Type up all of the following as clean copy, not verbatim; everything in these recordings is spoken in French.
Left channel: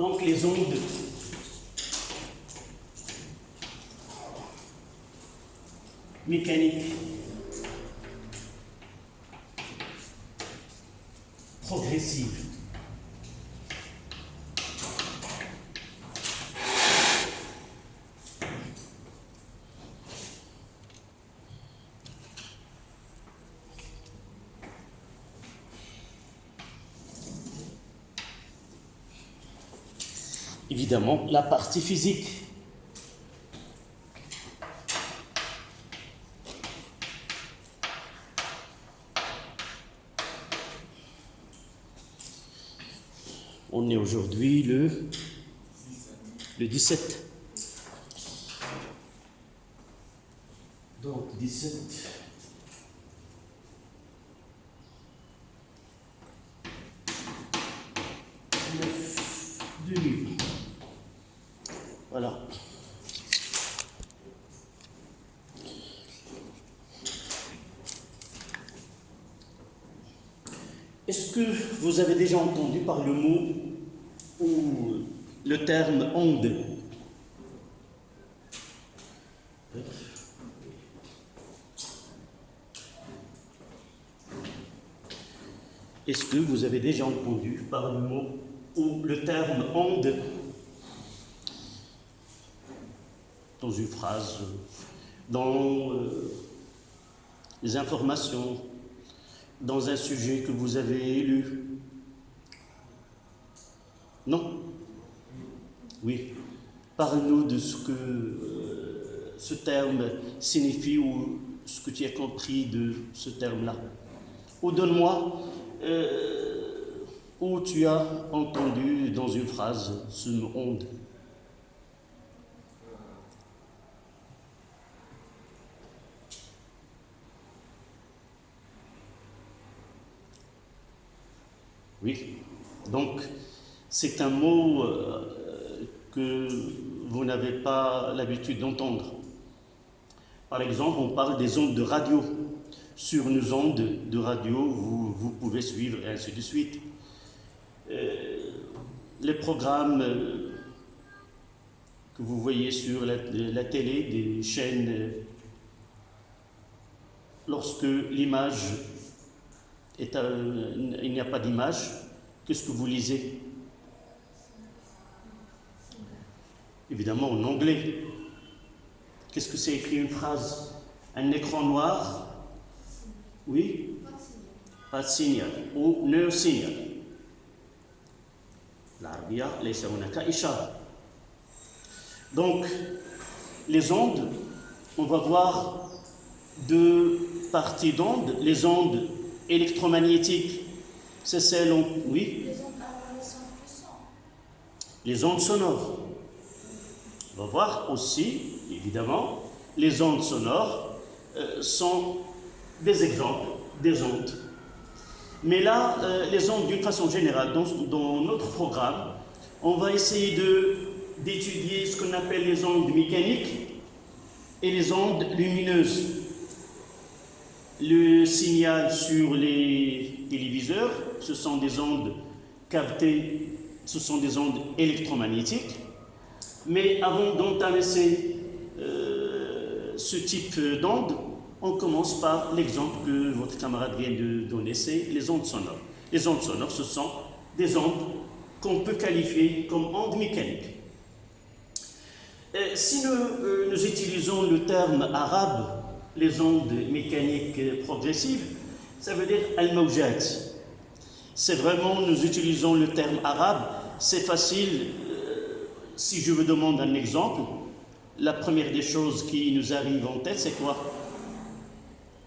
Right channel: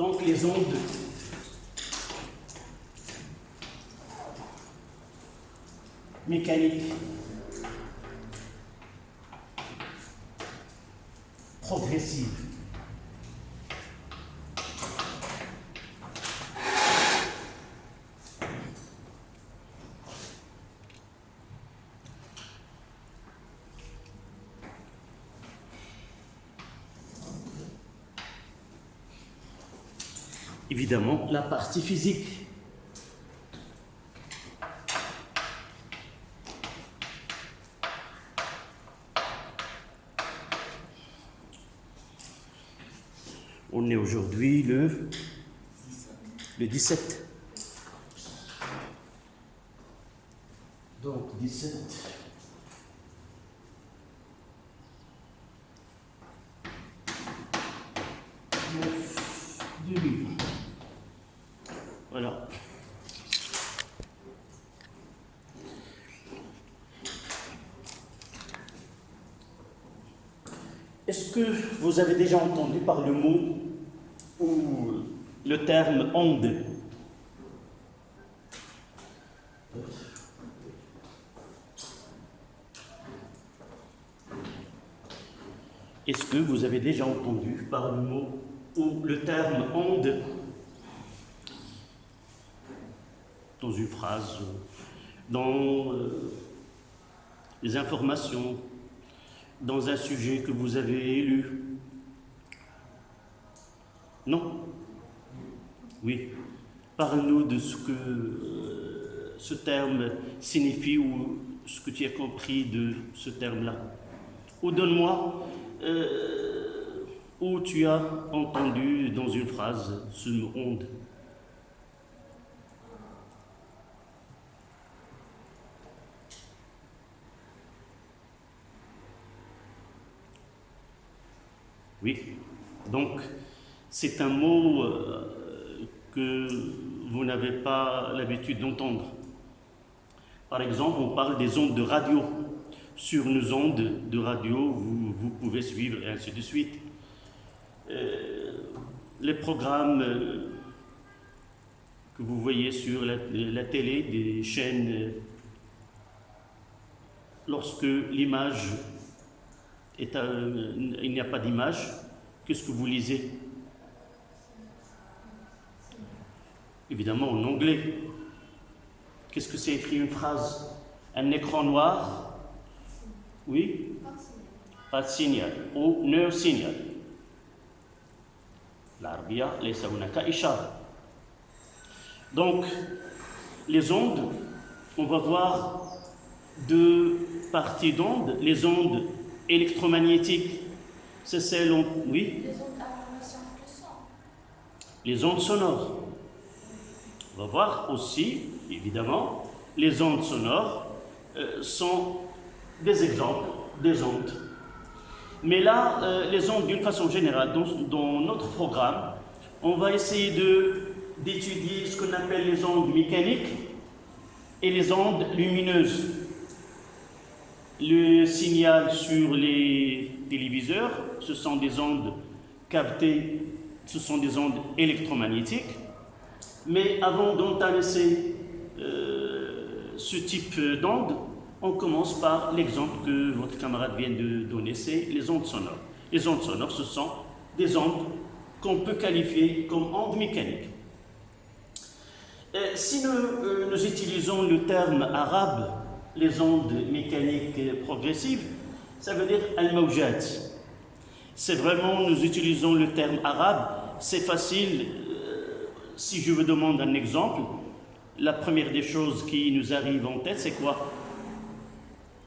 Donc les ondes mécaniques progressives. Évidemment, la partie physique. On est aujourd'hui le 17. Donc 17. Voilà. Est-ce que vous avez déjà entendu par le mot ou le terme onde? Est-ce que vous avez déjà entendu par le mot ou le terme onde dans une phrase, dans les informations, dans un sujet que vous avez lu? Non? Oui. Parle-nous de ce que ce terme signifie ou ce que tu as compris de ce terme-là. Ou donne-moi où tu as entendu dans une phrase ce mot onde. Oui, donc c'est un mot que vous n'avez pas l'habitude d'entendre. Par exemple, on parle des ondes de radio. Sur nos ondes de radio, vous pouvez suivre, et ainsi de suite. Les programmes que vous voyez sur la télé, des chaînes, lorsque l'image il n'y a pas d'image, qu'est-ce que vous lisez? Évidemment en anglais. Qu'est-ce que c'est écrit une phrase? Un écran noir? Oui? Pas de signal. Ou no signal. L'arabia, laysa hunaka ishara. Donc, les ondes, on va voir deux parties d'ondes. Les ondes électromagnétiques, c'est celle, oui? Les ondes sonores. On va voir aussi, évidemment, les ondes sonores sont des exemples des ondes. Mais là, les ondes, d'une façon générale, dans notre programme, on va essayer d'étudier ce qu'on appelle les ondes mécaniques et les ondes lumineuses. Le signal sur les téléviseurs, ce sont des ondes captées, ce sont des ondes électromagnétiques. Mais avant d'entamer ce type d'ondes, on commence par l'exemple que votre camarade vient de donner, c'est les ondes sonores. Les ondes sonores, ce sont des ondes qu'on peut qualifier comme ondes mécaniques. Si nous utilisons le terme arabe, les ondes mécaniques progressives, ça veut dire al-mawjat. C'est vraiment, nous utilisons le terme arabe, c'est facile. Si je vous demande un exemple, la première des choses qui nous arrive en tête, c'est quoi?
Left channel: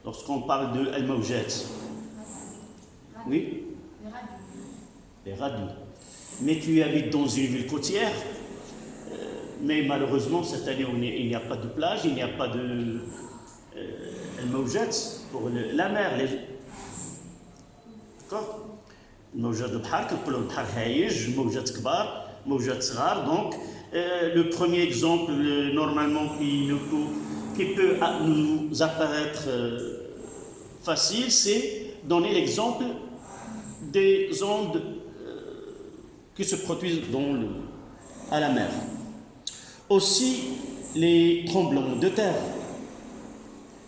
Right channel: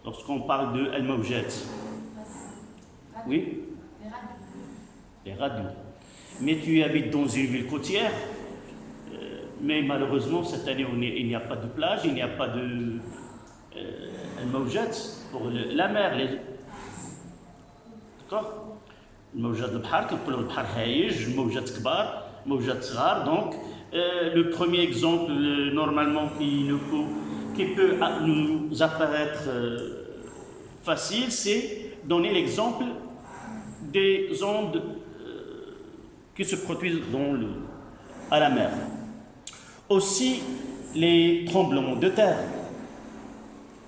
Lorsqu'on parle de al-mawjat. Oui? Les radios. Mais tu habites dans une ville côtière, mais malheureusement, cette année, il n'y a pas de plage, il n'y a pas de al-mawjat pour la mer. D'accord? الموجات البحر كنقولوا البحر هايج موجات كبار موجات صغار. Donc le premier exemple normalement qui peut nous apparaître facile, c'est donner l'exemple des ondes qui se produisent à la mer. Aussi, les tremblements de terre.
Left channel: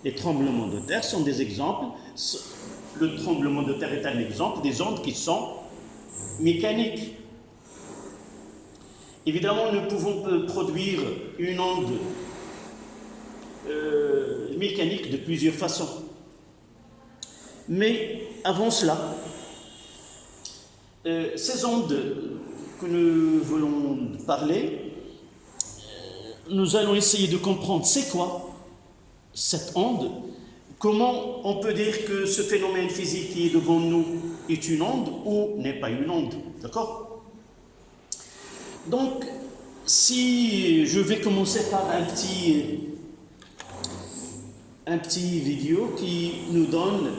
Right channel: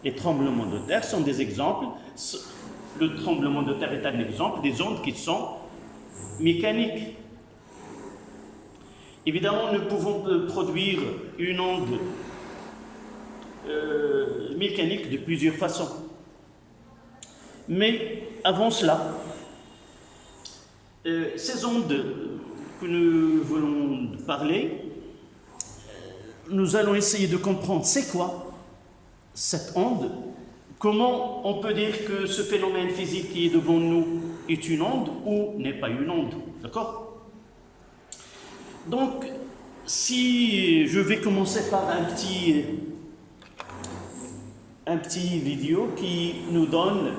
Les tremblements de terre sont des exemples. Le tremblement de terre est un exemple des ondes qui sont mécaniques. Évidemment, nous pouvons produire une onde mécanique de plusieurs façons. Mais avant cela, ces ondes que nous voulons parler, nous allons essayer de comprendre c'est quoi cette onde, comment on peut dire que ce phénomène physique qui est devant nous est une onde ou n'est pas une onde, d'accord? Donc, si je vais commencer par un petit vidéo qui nous donne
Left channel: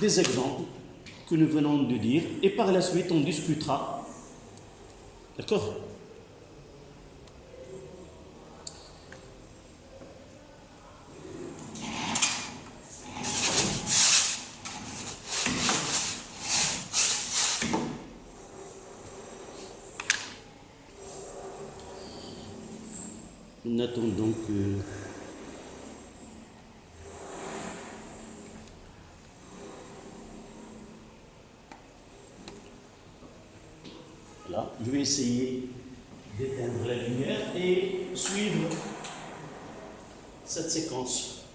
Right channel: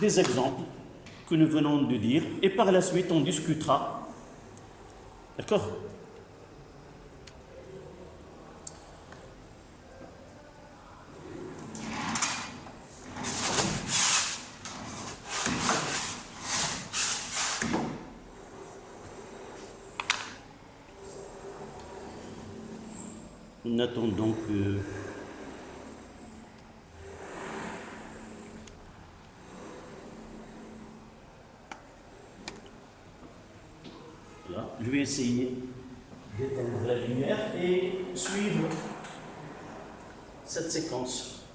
des exemples que nous venons de dire, et par la suite on discutera, d'accord? Nous attendons que voilà, je vais essayer d'éteindre la lumière et suivre cette séquence.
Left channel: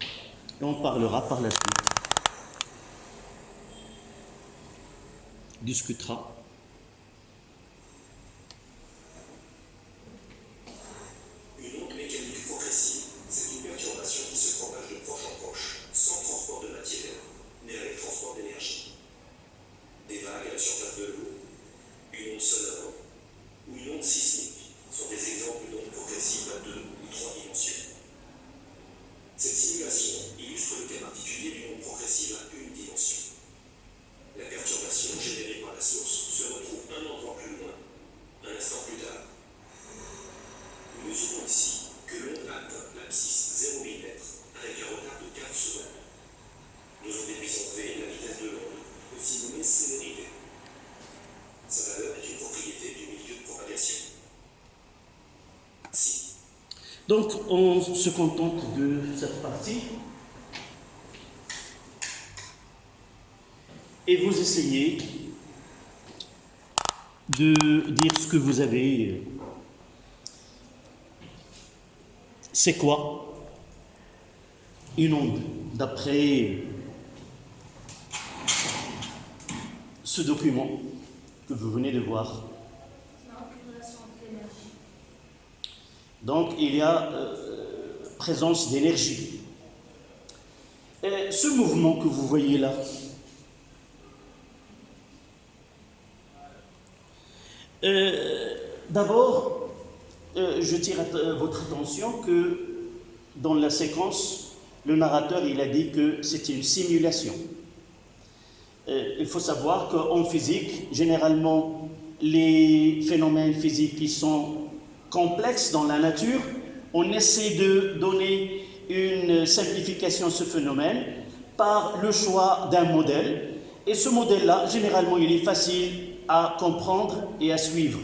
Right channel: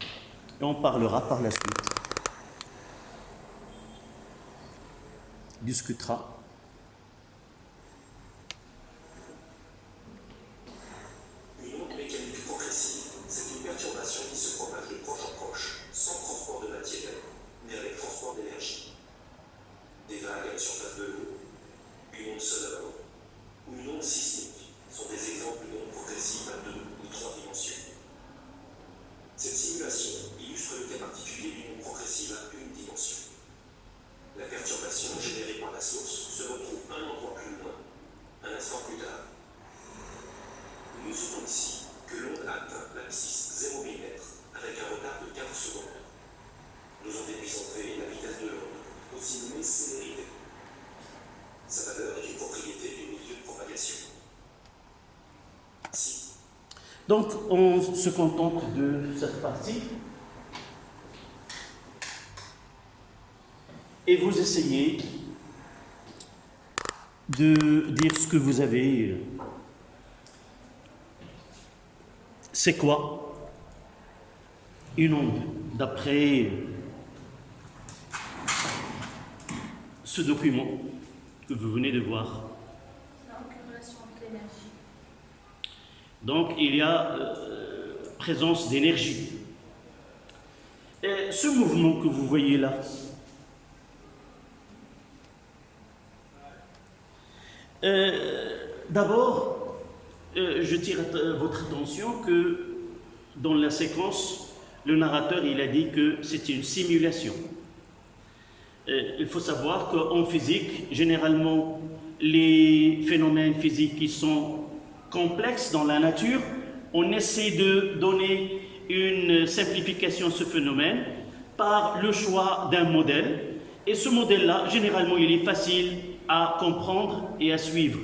Et on parlera par la suite. Discutera. Donc, on se contente de cette partie et vous essayez de dire ce que vous avez. C'est quoi une onde d'après ce document que vous venez de voir? Donc, il y a présence d'énergie. Ce mouvement que vous voyez là, d'abord, je tire votre attention que dans la séquence, le narrateur il a dit que c'était une simulation. Il faut savoir qu'en physique, généralement, les phénomènes physiques qui sont complexes dans la nature, on essaie de donner une simplification à ce phénomène par le choix d'un modèle. Et ce modèle-là, généralement, il est facile à comprendre et à suivre.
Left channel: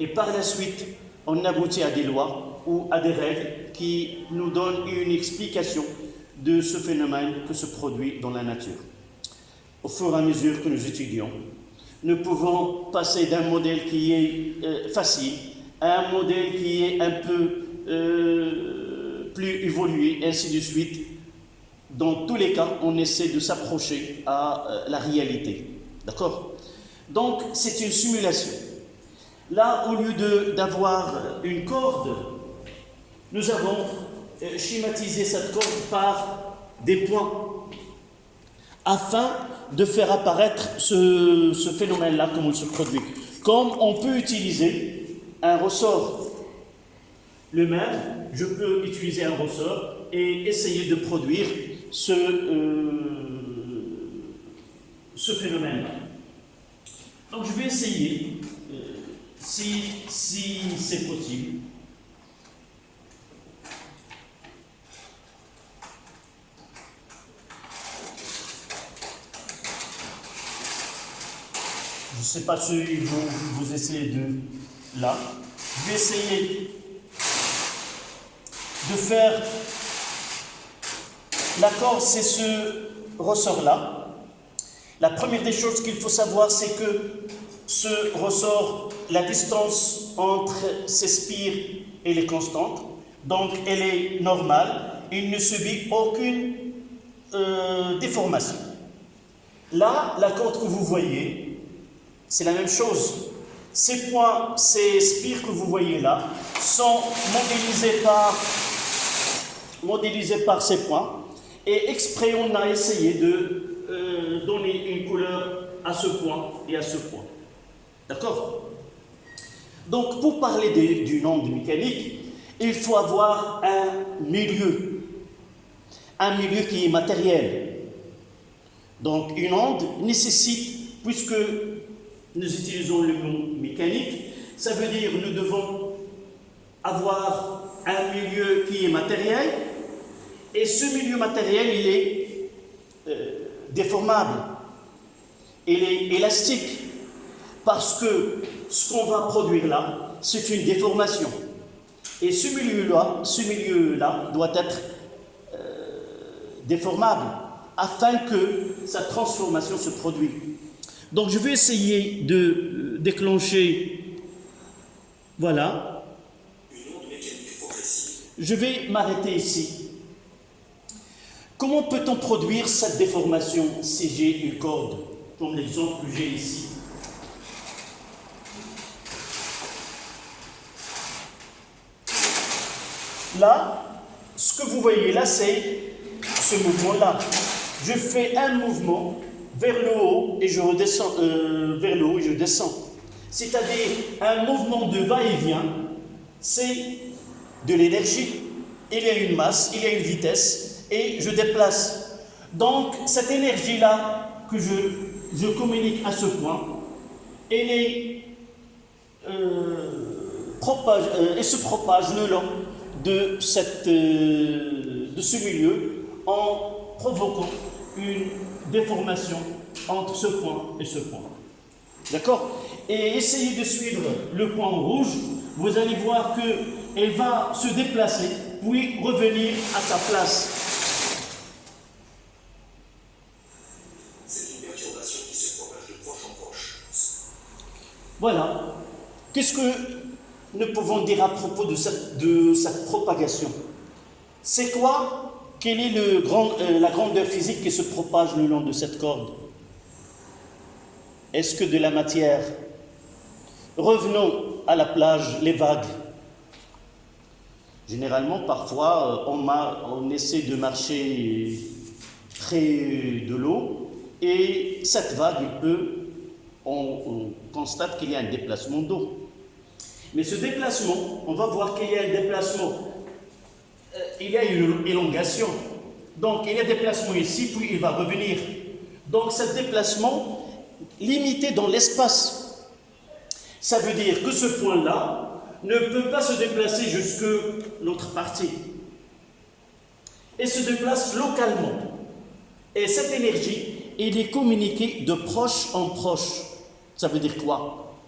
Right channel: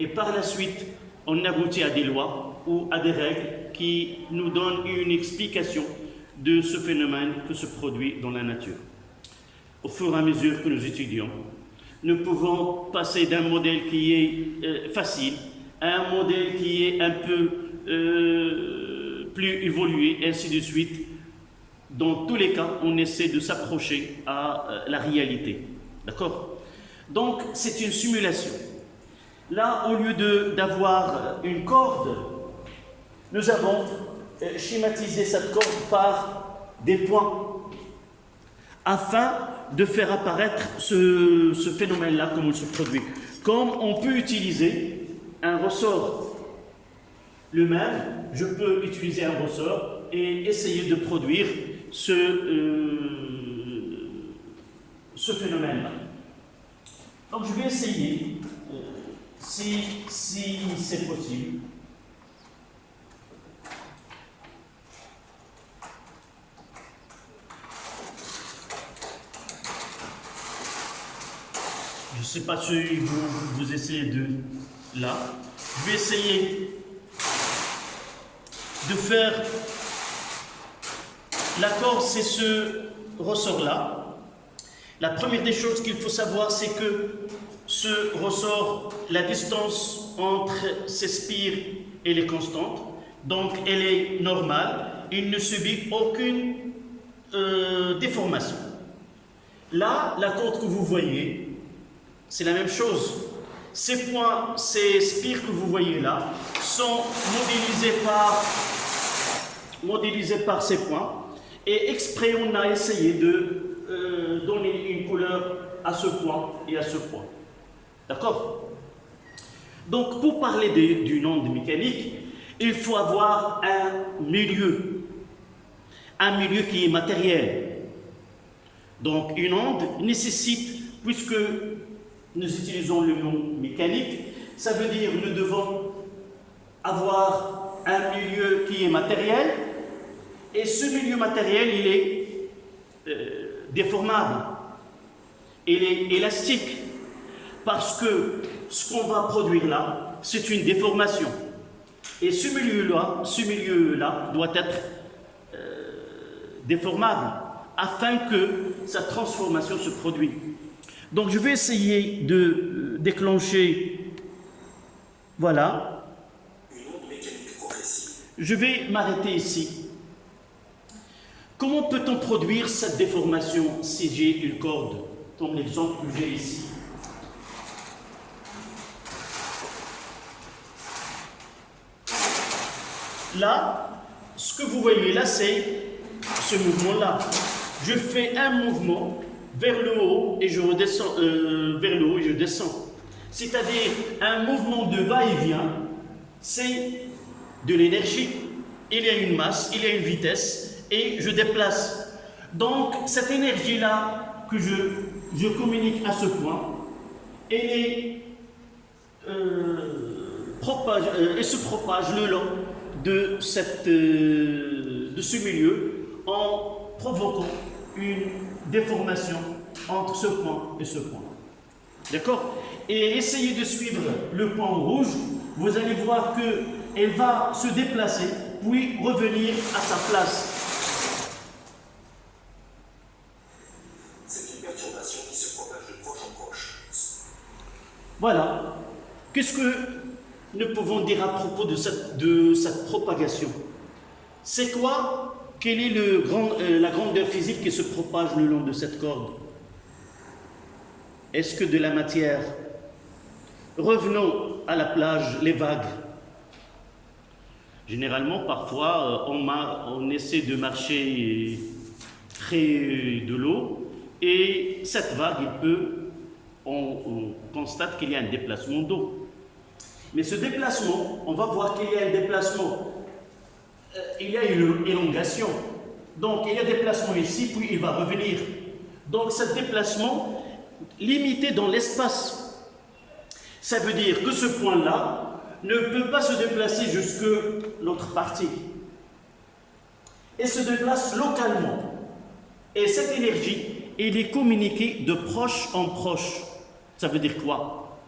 Et par la suite, on aboutit à des lois ou à des règles qui nous donnent une explication de ce phénomène que se produit dans la nature. Au fur et à mesure que nous étudions, nous pouvons passer d'un modèle qui est facile à un modèle qui est un peu plus évolué, ainsi de suite. Dans tous les cas, on essaie de s'approcher à la réalité. D'accord? Donc, c'est une simulation. Là, au lieu d'avoir une corde, nous avons schématisé cette corde par des points afin de faire apparaître ce phénomène-là, comment il se produit. Comme on peut utiliser un ressort. Le même, je peux utiliser un ressort et essayer de produire ce phénomène-là. Donc je vais essayer, si c'est possible, je je ne sais pas si vous essayez de... Là. Je vais essayer de faire... L'accord, c'est ce ressort-là. La première des choses qu'il faut savoir, c'est que ce ressort, la distance entre ces spires, elle est constante. Donc, elle est normale. Il ne subit aucune déformation. Là, la corde que vous voyez, c'est la même chose. Ces points, ces spires que vous voyez là, sont modélisés par ces points. Et exprès, on a essayé de donner une couleur à ce point et à ce point. D'accord? Donc, pour parler d'une onde mécanique, il faut avoir un milieu qui est matériel. Donc, une onde nécessite, puisque nous utilisons le mot mécanique, ça veut dire que nous devons avoir un milieu qui est matériel, et ce milieu matériel, il est déformable, il est élastique, parce que ce qu'on va produire là, c'est une déformation. Et ce milieu-là doit être déformable, afin que sa transformation se produise. Donc je vais essayer de déclencher, voilà. Je vais m'arrêter ici. Comment peut-on produire cette déformation si j'ai une corde, comme l'exemple que j'ai ici? Là, ce que vous voyez là, c'est ce mouvement-là. Je fais un mouvement vers le haut et je redescends, vers le haut et je descends. C'est-à-dire un mouvement de va-et-vient, c'est de l'énergie. Il y a une masse, il y a une vitesse et je déplace. Donc cette énergie-là que je communique à ce point, elle se propage le long de ce milieu en provoquant une déformation entre ce point et ce point. D'accord? Et essayez de suivre le point rouge, vous allez voir qu'elle va se déplacer, puis revenir à sa place. C'est une perturbation qui se propage de proche en proche. Voilà. Qu'est-ce que nous pouvons dire à propos de cette propagation? C'est quoi? Quelle est la grandeur physique qui se propage le long de cette corde? Est-ce que de la matière? Revenons à la plage, les vagues. Généralement, parfois, on essaie de marcher près de l'eau et cette vague, on constate qu'il y a un déplacement d'eau. Mais ce déplacement, on va voir qu'il y a un déplacement, il y a une élongation. Donc, il y a un déplacement ici, puis il va revenir. Donc, ce déplacement limité dans l'espace. Ça veut dire que ce point-là ne peut pas se déplacer jusque l'autre partie. Et se déplace localement. Et cette énergie, elle est communiquée de proche en proche. Ça veut dire quoi?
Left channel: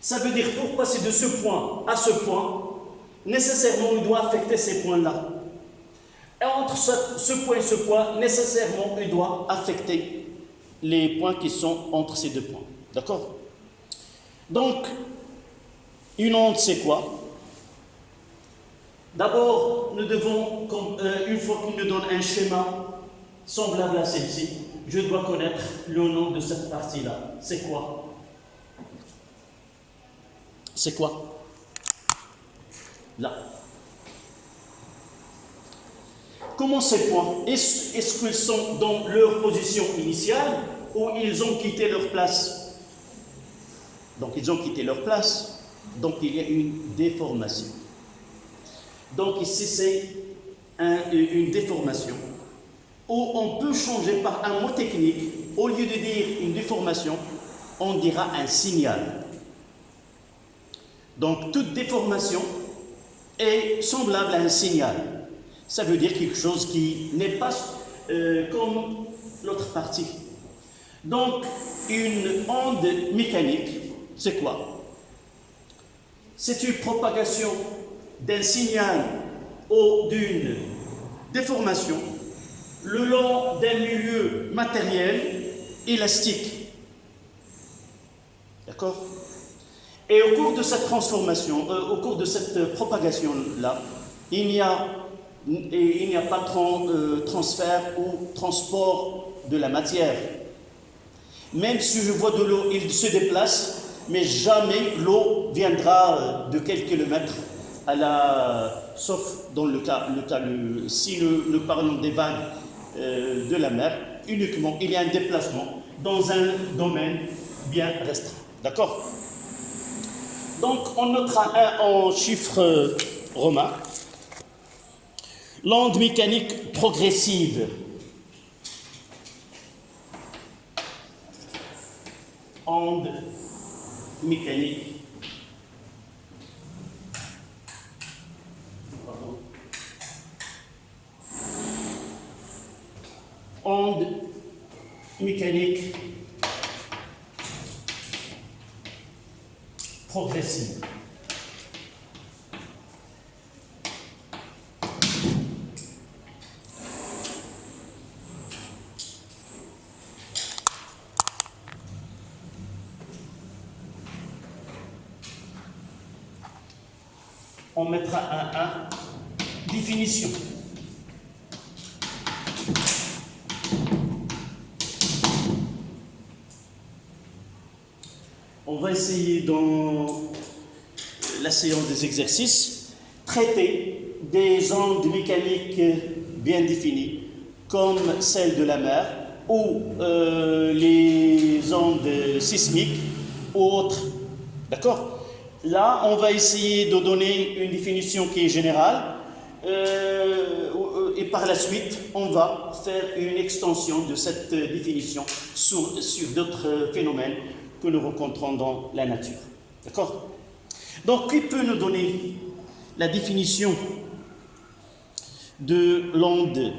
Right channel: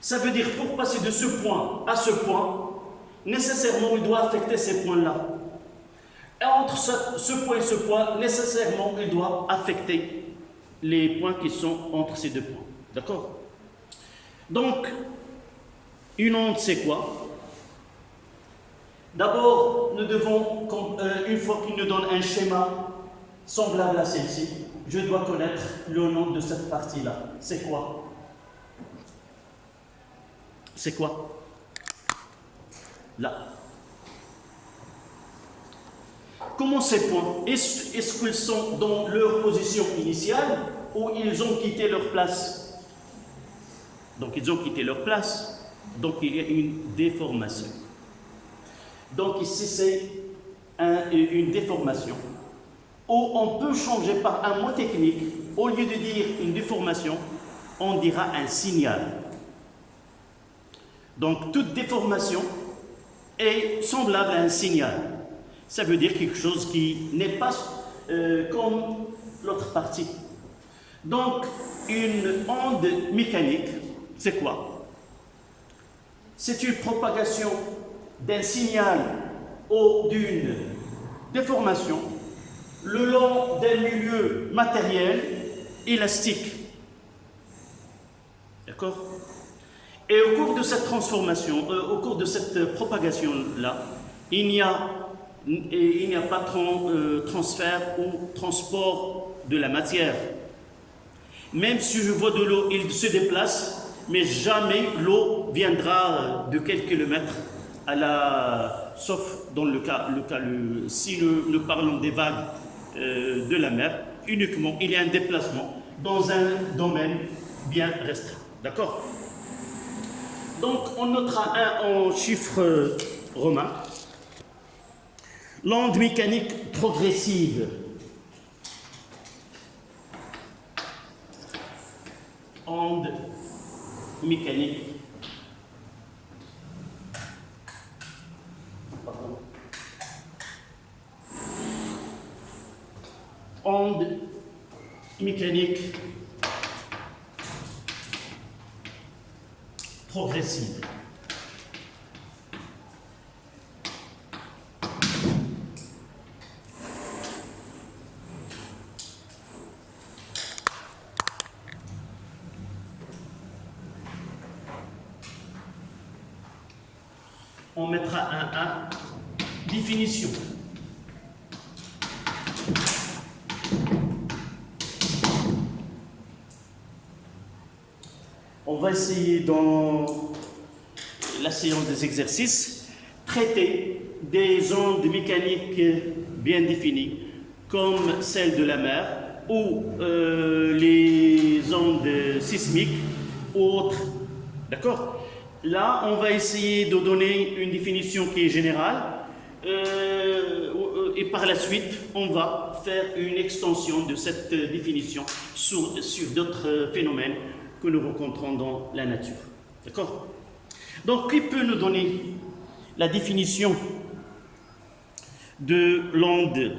Ça veut dire pour passer de ce point à ce point, nécessairement il doit affecter ces points-là. Et entre ce point et ce point, nécessairement il doit affecter les points qui sont entre ces deux points. D'accord? Donc, une onde, c'est quoi? D'abord, nous devons, une fois qu'il nous donne un schéma semblable à celle-ci, je dois connaître le nom de cette partie-là. C'est quoi? C'est quoi? Là. Comment ces points? Est-ce qu'ils sont dans leur position initiale ou ils ont quitté leur place? Donc, ils ont quitté leur place. Donc, il y a une déformation. Donc, ici, c'est une déformation où on peut changer par un mot technique. Au lieu de dire une déformation, on dira un signal. Donc, toute déformation est semblable à un signal. Ça veut dire quelque chose qui n'est pas comme l'autre partie. Donc, une onde mécanique, c'est quoi? C'est une propagation d'un signal ou d'une déformation le long d'un milieu matériel élastique. D'accord? Et au cours de cette transformation, au cours de cette propagation-là, il n'y a pas transfert ou transport de la matière. Même si je vois de l'eau, il se déplace, mais jamais l'eau viendra de quelques kilomètres sauf dans si nous parlons des vagues de la mer, uniquement il y a un déplacement dans un domaine bien restreint. D'accord? Donc on notera en chiffres romains l'onde mécanique progressive. Onde mécanique. Onde mécanique progressive. On mettra un définition. On va essayer dans la séance des exercices traiter des ondes mécaniques bien définies comme celles de la mer ou les ondes sismiques ou autres. D'accord? Là, on va essayer de donner une définition qui est générale et par la suite, on va faire une extension de cette définition sur d'autres phénomènes que nous rencontrons dans la nature. D'accord? Donc, qui peut nous donner la définition de l'onde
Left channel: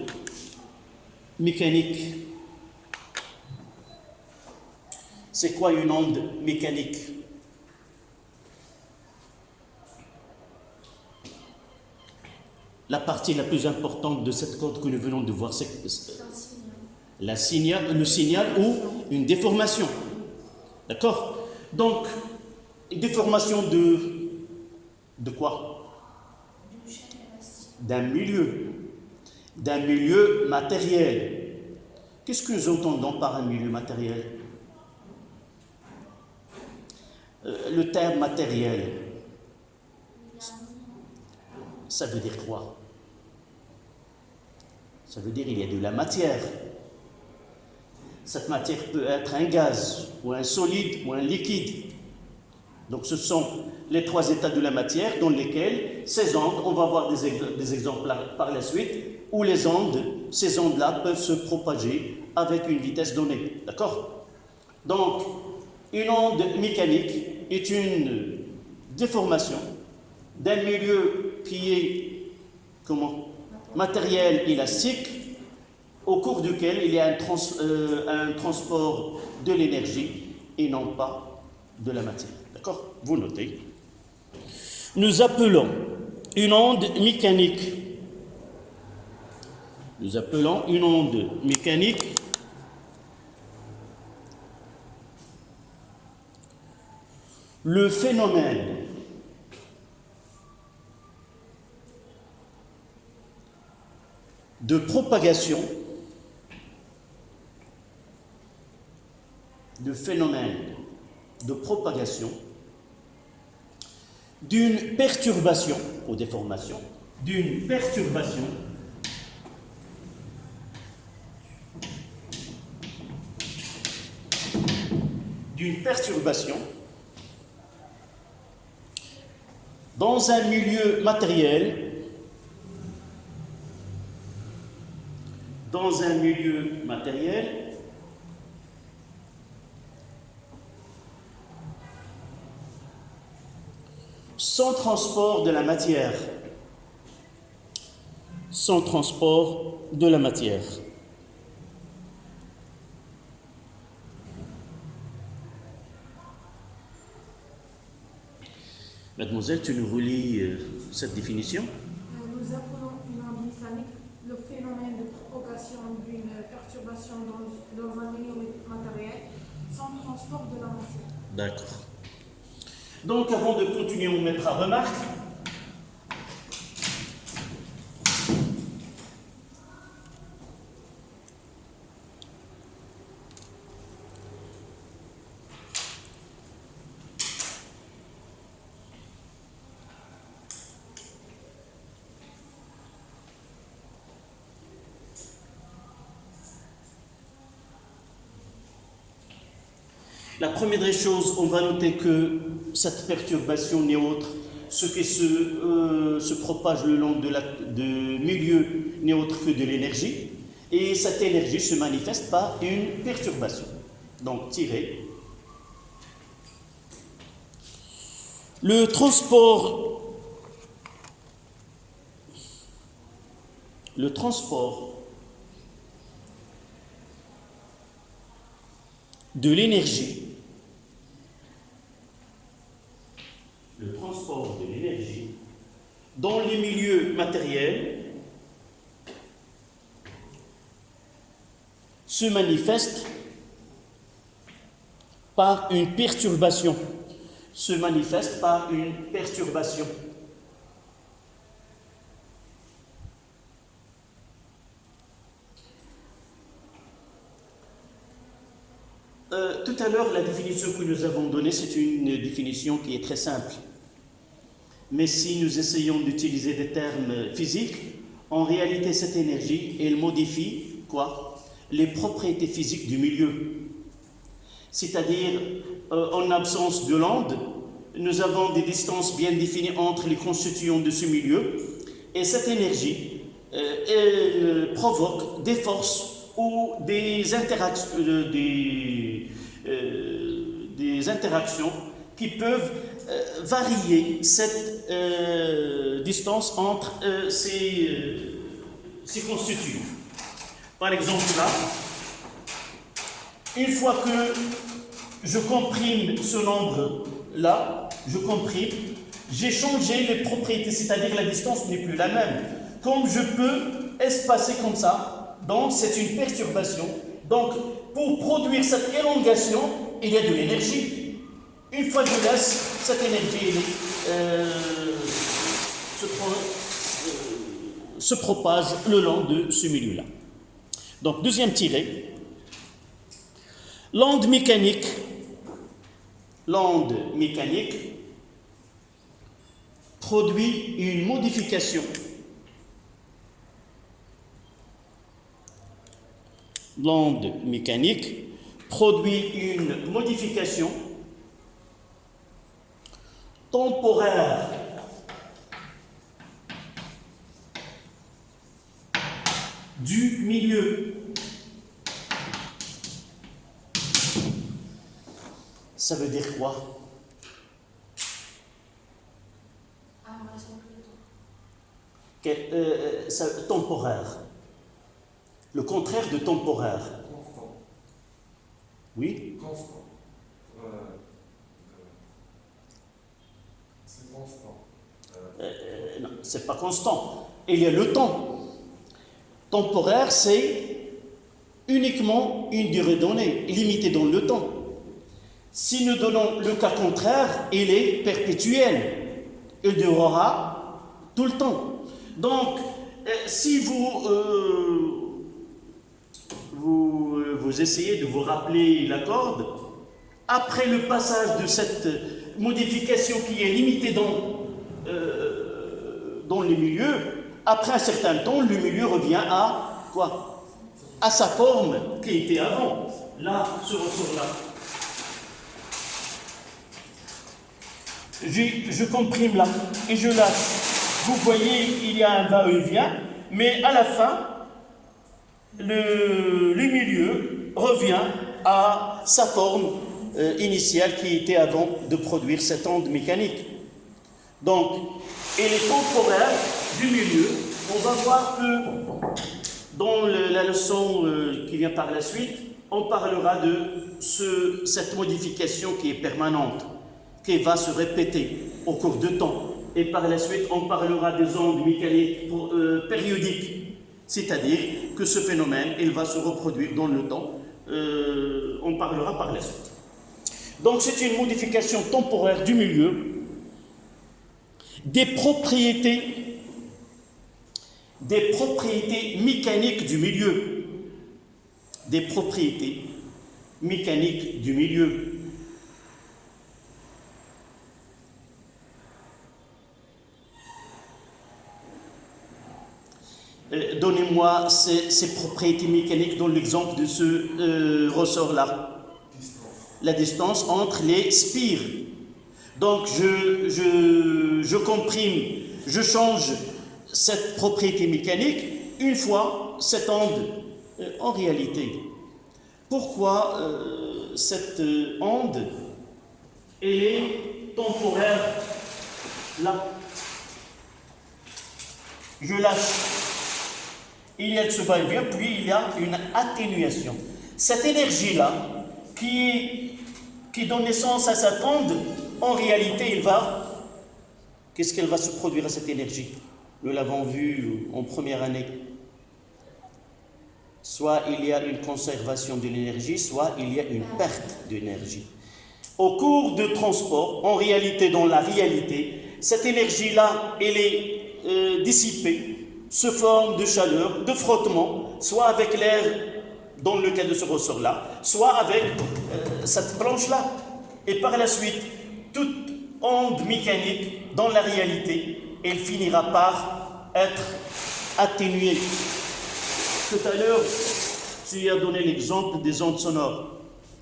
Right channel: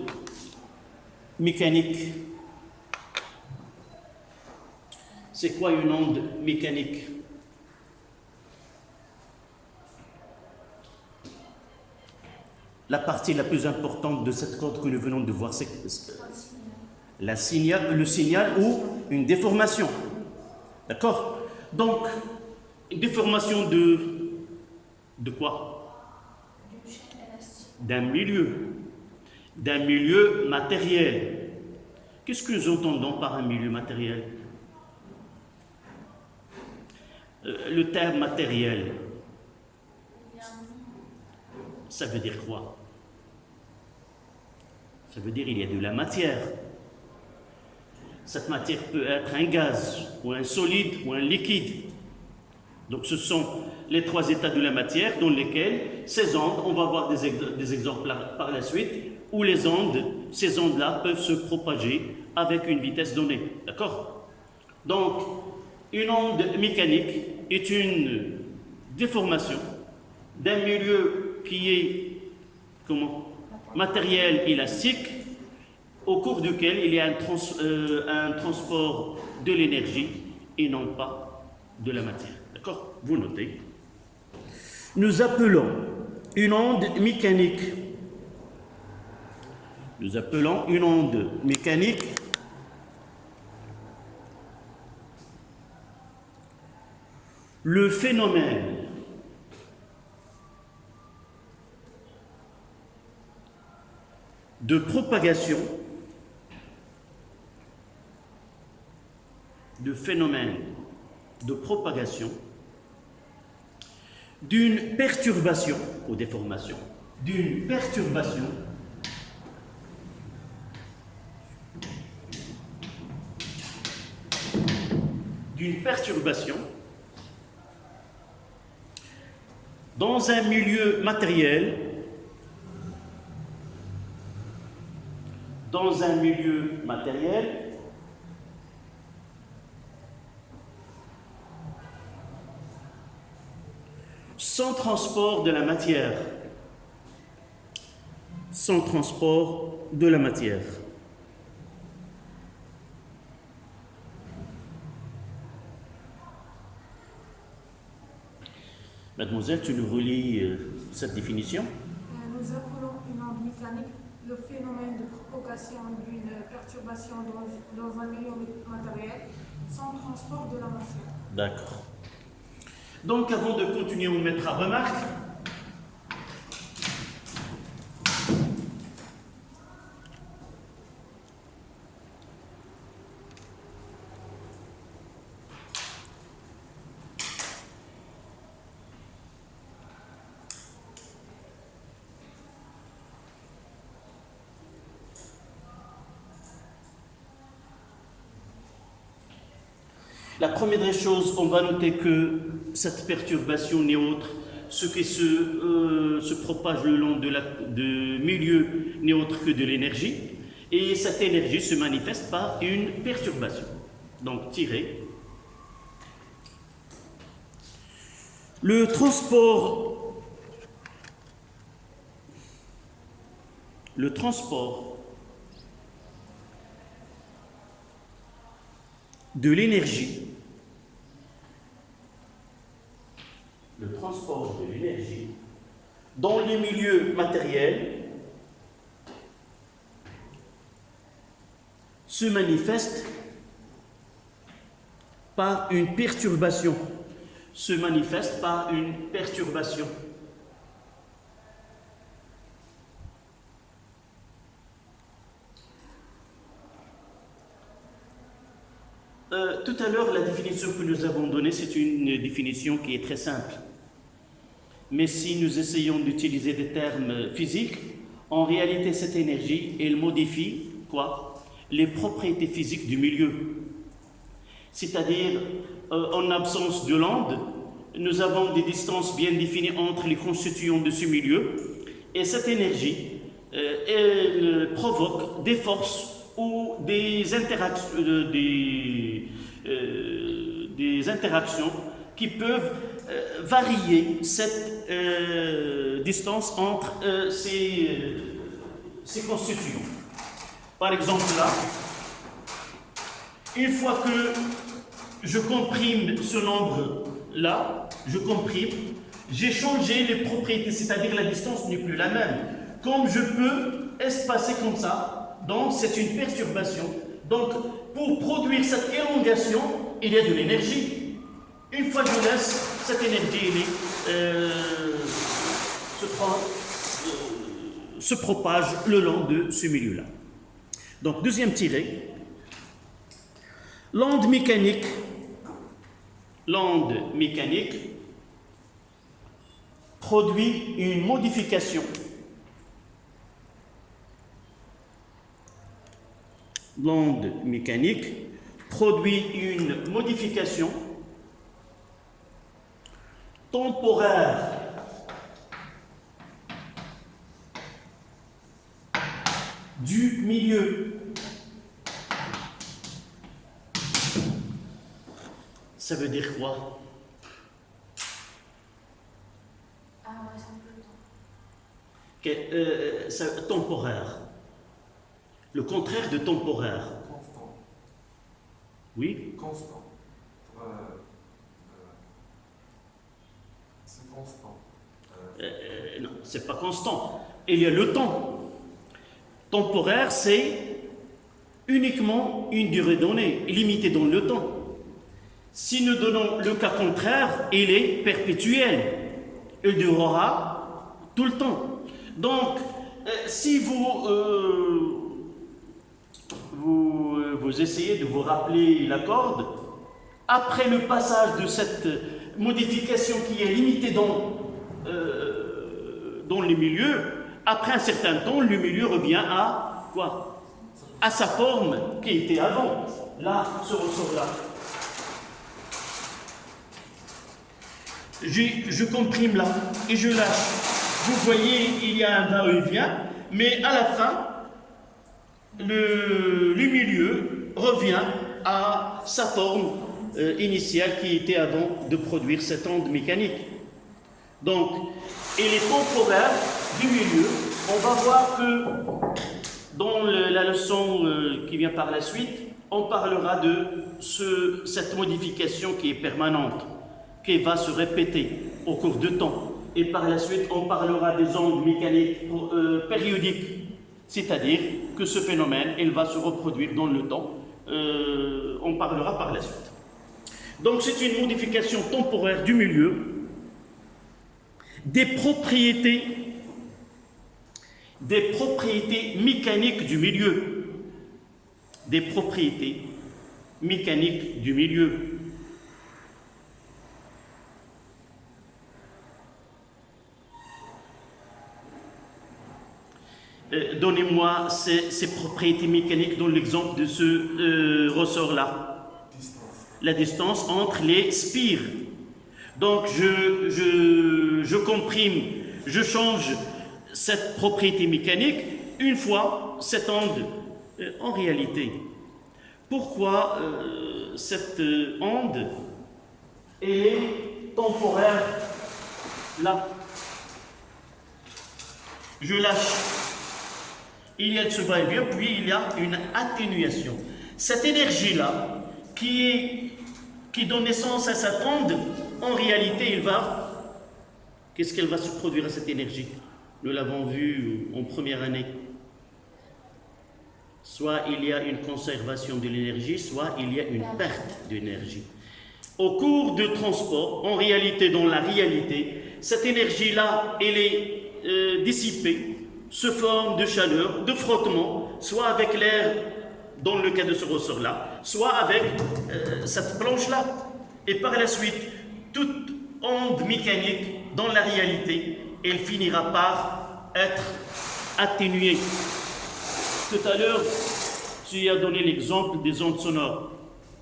mécanique? C'est quoi une onde mécanique? La partie la plus importante de cette corde que nous venons de voir, c'est le signal ou une déformation. D'accord? Donc, une déformation de quoi? D'un milieu matériel. Qu'est-ce que nous entendons par un milieu matériel? Le terme matériel, ça veut dire quoi? Ça veut dire qu'il y a de la matière. Cette matière peut être un gaz, ou un solide, ou un liquide. Donc ce sont les trois états de la matière dans lesquels ces ondes, on va voir des exemples par la suite, où ces ondes-là peuvent se propager avec une vitesse donnée. D'accord? Donc, une onde mécanique est une déformation d'un milieu qui est, matériel élastique, au cours duquel il y a un transport de l'énergie et non pas de la matière. D'accord? Vous notez. Nous appelons une onde mécanique. Nous appelons une onde mécanique le phénomène de propagation d'une perturbation ou déformation, d'une perturbation dans un milieu matériel, sans transport de la matière. Mademoiselle, tu nous relis cette définition? Nous appelons une onde mécanique le phénomène de propagation d'une perturbation dans un milieu matériel sans transport de la matière. D'accord. Donc, avant de continuer, on mettra remarque. La première des choses, on va noter que cette perturbation n'est autre, ce qui se propage le long de milieu n'est autre que de l'énergie, et cette énergie se manifeste par une perturbation. Donc, tirer. Le transport de l'énergie dans les milieux matériels se manifeste par une perturbation. Tout à l'heure, la définition que nous avons donnée, c'est une définition qui est très simple. Mais si nous essayons d'utiliser des termes physiques, en réalité, cette énergie, elle modifie quoi? Les propriétés physiques du milieu. C'est-à-dire, en absence de l'onde, nous avons des distances bien définies entre les constituants de ce milieu, et cette énergie, elle provoque des forces ou des interactions qui peuvent varier cette distance entre ces constituants. Par exemple là, une fois que je comprime ce nombre-là, j'ai changé les propriétés, c'est-à-dire la distance n'est plus la même. Comme je peux espacer comme ça, donc c'est une perturbation. Donc pour produire cette élongation, il y a de l'énergie. Une fois que je laisse, cette énergie se propage le long de ce milieu-là. Donc, deuxième tiré. L'onde mécanique produit une modification. L'onde mécanique produit une modification temporaire du milieu. Ça veut dire quoi? Temporaire. Le contraire de temporaire. Constant. Oui? Constant. C'est constant. Non, c'est pas constant. Il y a le temps. Temporaire, c'est uniquement une durée donnée, limitée dans le temps. Si nous donnons le cas contraire, il est perpétuel. Il durera tout le temps. Donc, si vous essayez de vous rappeler la corde, après le passage de cette modification qui est limitée dans les milieux, après un certain temps, le milieu revient à quoi? À sa forme qui était avant. Là, ce ressort-là. Je comprime là et je lâche. Vous voyez, il y a un va-et-vient, mais à la fin, le milieu revient à sa forme initiale qui était avant de produire cette onde mécanique. Donc, il est temporaire du milieu. On va voir que dans la leçon qui vient par la suite, on parlera de cette modification qui est permanente. qui va se répéter au cours du temps. Et par la suite, on parlera des ondes mécaniques périodiques, c'est-à-dire que ce phénomène, il va se reproduire dans le temps. On parlera par la suite. Donc c'est une modification temporaire du milieu, des propriétés mécaniques du milieu. Des propriétés mécaniques du milieu. Donnez-moi ces propriétés mécaniques dans l'exemple de ce ressort-là. La distance entre les spires. Donc, je comprime, je change cette propriété mécanique une fois cette onde. En réalité, pourquoi cette onde est temporaire là? Je lâche. Il y a ce va-et-vient, puis il y a une atténuation. Cette énergie-là, qui donne naissance à cette onde, en réalité, qu'est-ce qu'elle va se produire à cette énergie? Nous l'avons vu en première année. Soit il y a une conservation de l'énergie, soit il y a une perte d'énergie. Au cours de transport, en réalité, dans la réalité, cette énergie-là, elle est dissipée, se forme de chaleur, de frottement, soit avec l'air, dans le cas de ce ressort-là, soit avec cette planche-là. Et par la suite, toute onde mécanique, dans la réalité, elle finira par être atténuée. Tout à l'heure, tu as donné l'exemple des ondes sonores.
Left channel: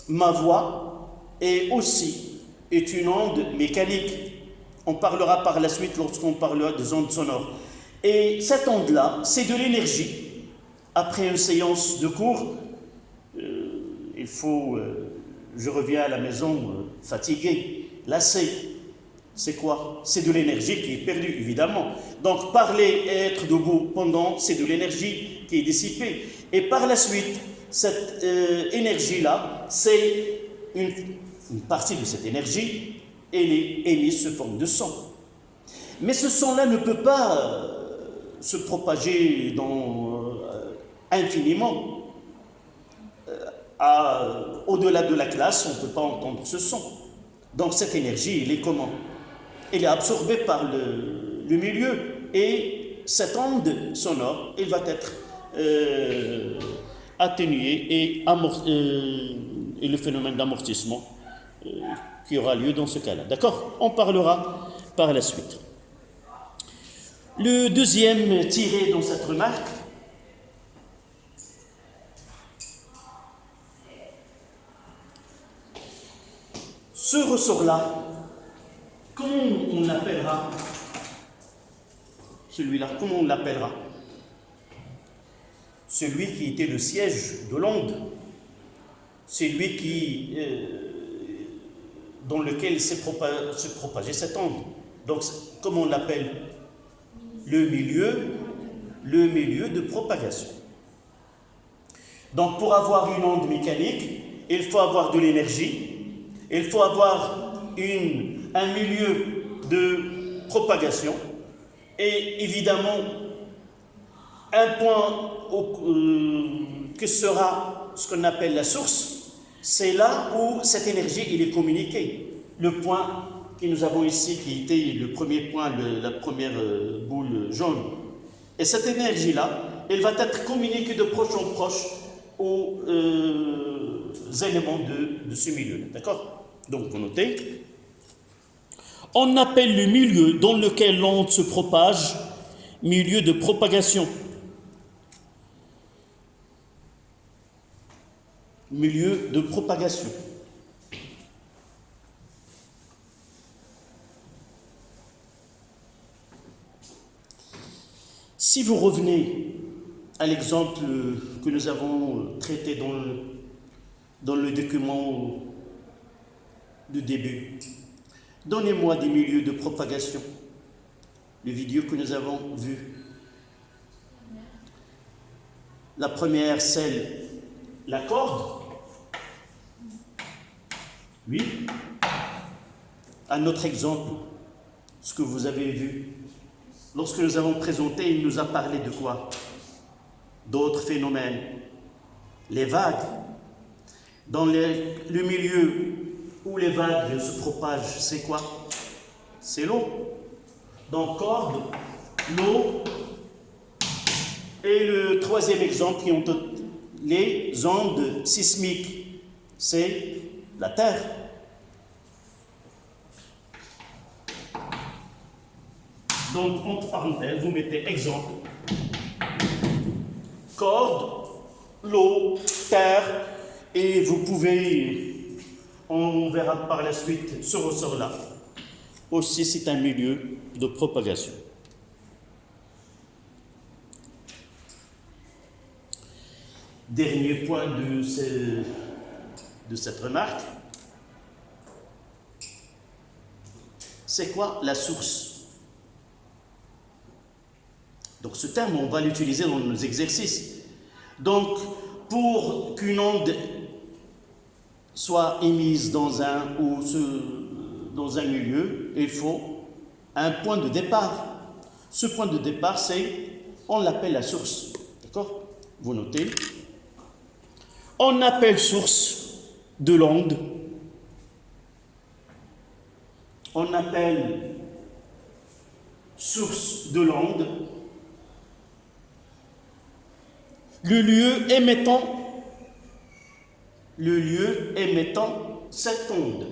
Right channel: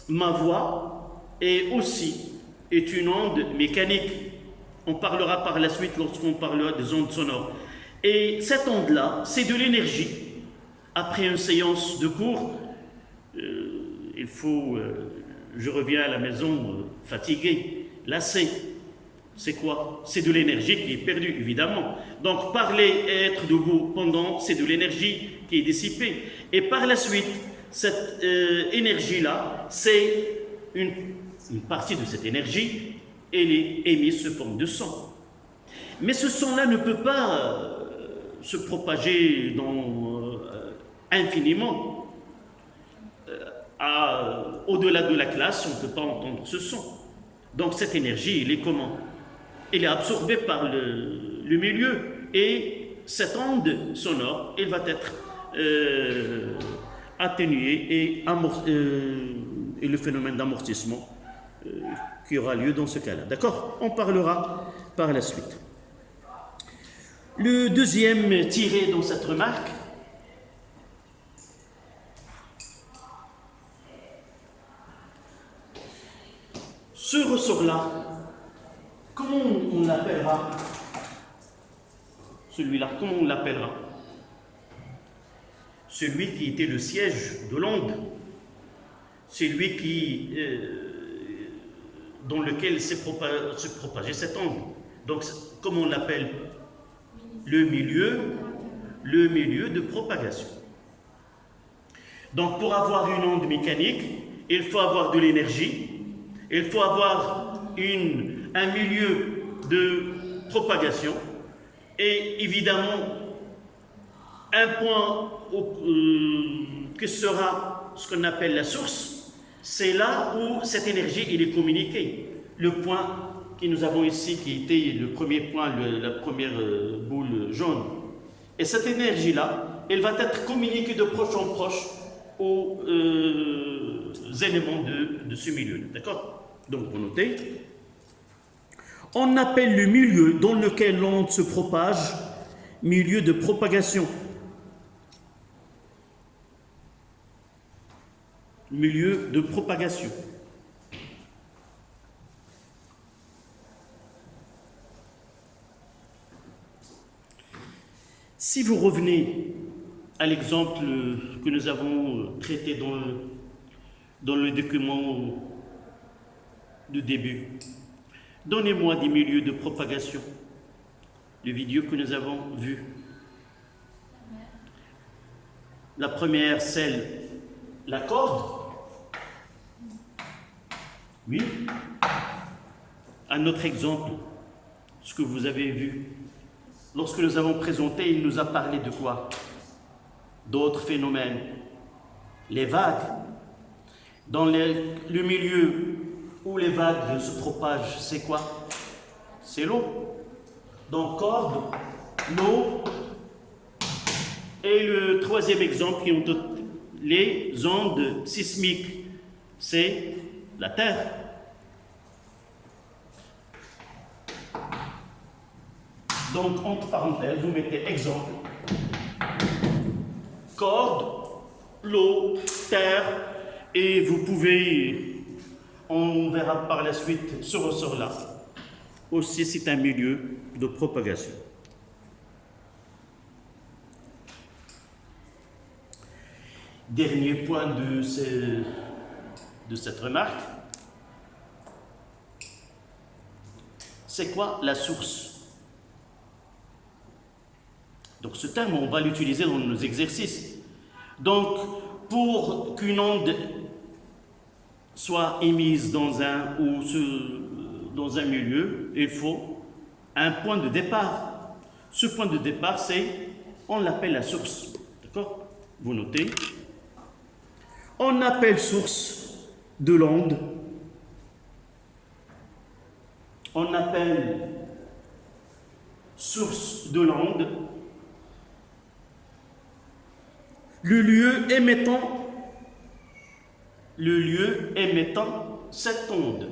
Ma voix est une onde mécanique. On parlera par la suite lorsqu'on parlera des ondes sonores. Et cette onde-là, c'est de l'énergie. Après une séance de cours, je reviens à la maison fatigué, lassé. C'est quoi? C'est de l'énergie qui est perdue, évidemment. Donc parler et être debout pendant, c'est de l'énergie qui est dissipée. Et par la suite, cette énergie-là, c'est une partie de cette énergie, elle est émise sous forme de son. Mais ce son-là ne peut pas se propager infiniment. Au-delà de la classe, on ne peut pas entendre ce son. Donc cette énergie, elle est comment? Elle est absorbée par le milieu, et cette onde sonore, elle va être atténuée et le phénomène d'amortissement qui aura lieu dans ce cas-là. D'accord? On parlera par la suite. Le deuxième tiré dans cette remarque, ce ressort-là, comment on l'appellera? Celui-là, comment on l'appellera? Celui qui était le siège de l'onde, celui dans lequel se propageait cette onde. Donc, comment on l'appelle? Le milieu de propagation. Donc, pour avoir une onde mécanique, il faut avoir de l'énergie, il faut avoir un milieu de propagation, et évidemment, un point que sera ce qu'on appelle la source, c'est là où cette énergie elle est communiquée. Le point que nous avons ici, qui était le premier point, la première boule jaune. Et cette énergie-là, elle va être communiquée de proche en proche aux éléments de ce milieu-là. D'accord? Donc, vous notez. On appelle le milieu dans lequel l'onde se propage milieu de propagation. Milieu de propagation. Si vous revenez à l'exemple que nous avons traité dans le document de début, donnez-moi des milieux de propagation, les vidéos que nous avons vues. La première, la corde. Oui. à notre exemple, ce que vous avez vu. Lorsque nous avons présenté, il nous a parlé de quoi? D'autres phénomènes. Les vagues. Dans le milieu où les vagues se propagent, c'est quoi? C'est l'eau. Donc, corde, l'eau. Et le troisième exemple, qui ont les ondes sismiques, c'est la terre. Donc, entre parenthèses, vous mettez exemple, corde, l'eau, terre, et vous pouvez, on verra par la suite ce ressort-là. Aussi, c'est un milieu de propagation. Dernier point de cette remarque, c'est quoi la source? Donc ce terme, on va l'utiliser dans nos exercices. Donc, pour qu'une onde soit émise dans un milieu, il faut un point de départ. Ce point de départ, on l'appelle la source. D'accord? Vous notez. On appelle source de l'onde. On appelle source de l'onde le lieu émettant cette onde.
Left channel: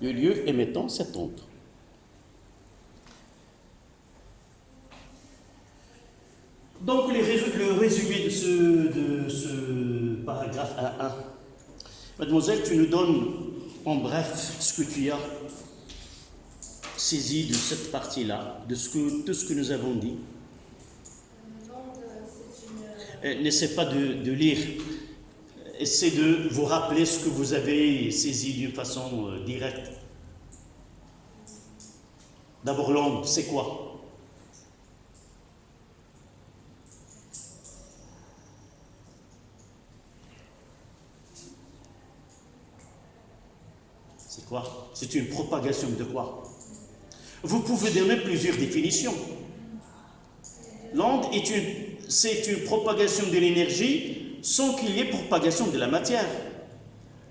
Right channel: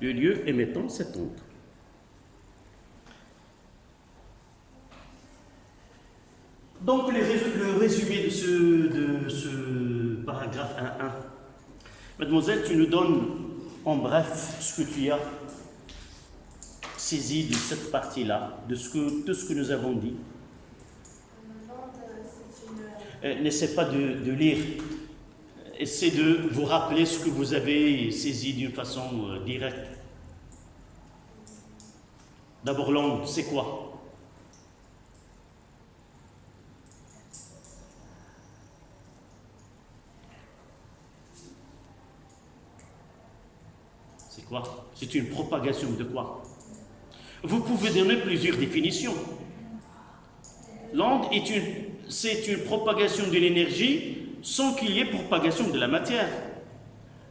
Le lieu émettant cette onde. Donc, le résumé de ce paragraphe 1.1. Mademoiselle, tu nous donnes en bref ce que tu as saisi de cette partie-là, de ce que nous avons dit. N'essaie pas de lire. Essayez de vous rappeler ce que vous avez saisi d'une façon directe. D'abord, l'onde, c'est quoi? C'est quoi? C'est une propagation de quoi? Vous pouvez donner plusieurs définitions. L'onde c'est une propagation de l'énergie sans qu'il y ait propagation de la matière.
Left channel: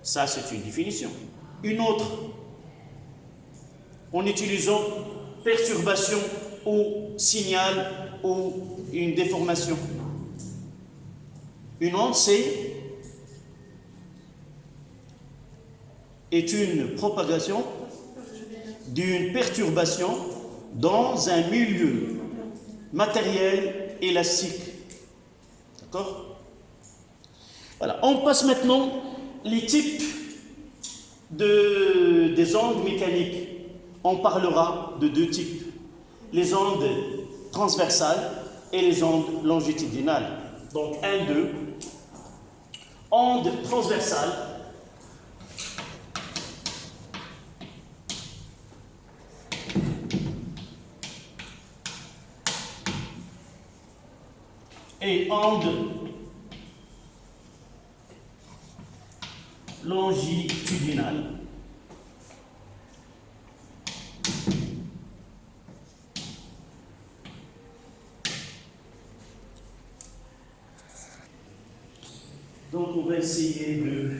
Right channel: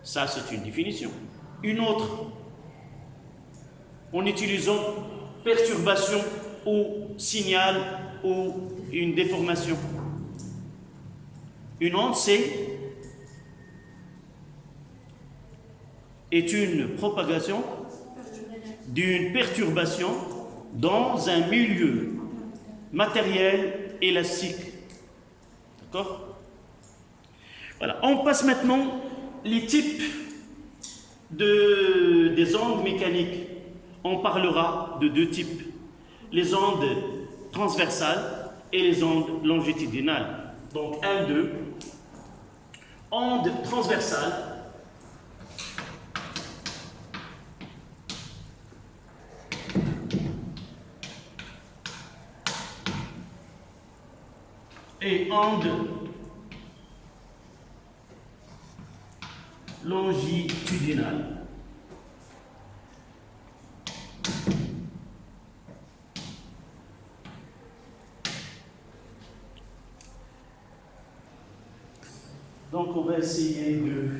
Ça, c'est une définition. Une autre, en utilisant perturbation ou signal ou une déformation. Une onde, est une propagation d'une perturbation dans un milieu matériel élastique. D'accord? Voilà. On passe maintenant les types des ondes mécaniques. On parlera de deux types. Les ondes transversales et les ondes longitudinales. Donc, 1, 2. Ondes transversales. Et ondes longitudinales. Donc on va essayer de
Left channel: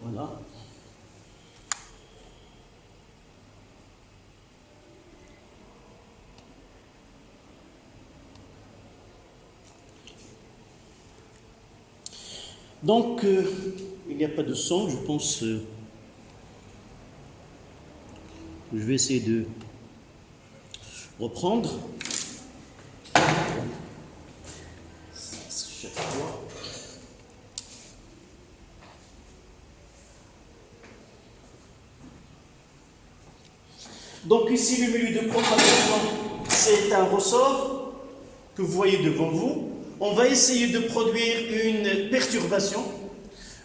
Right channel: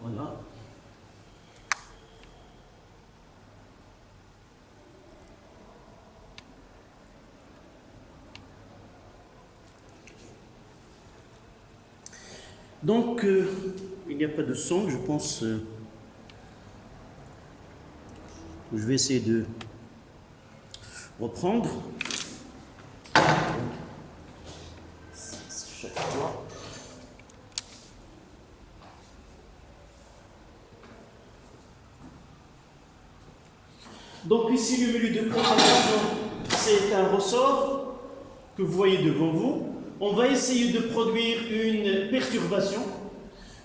voilà. Donc, il n'y a pas de son, je pense. Je vais essayer de reprendre. Chaque fois. Donc ici, le milieu de propagation, c'est un ressort. que vous voyez devant vous, on va essayer de produire une perturbation.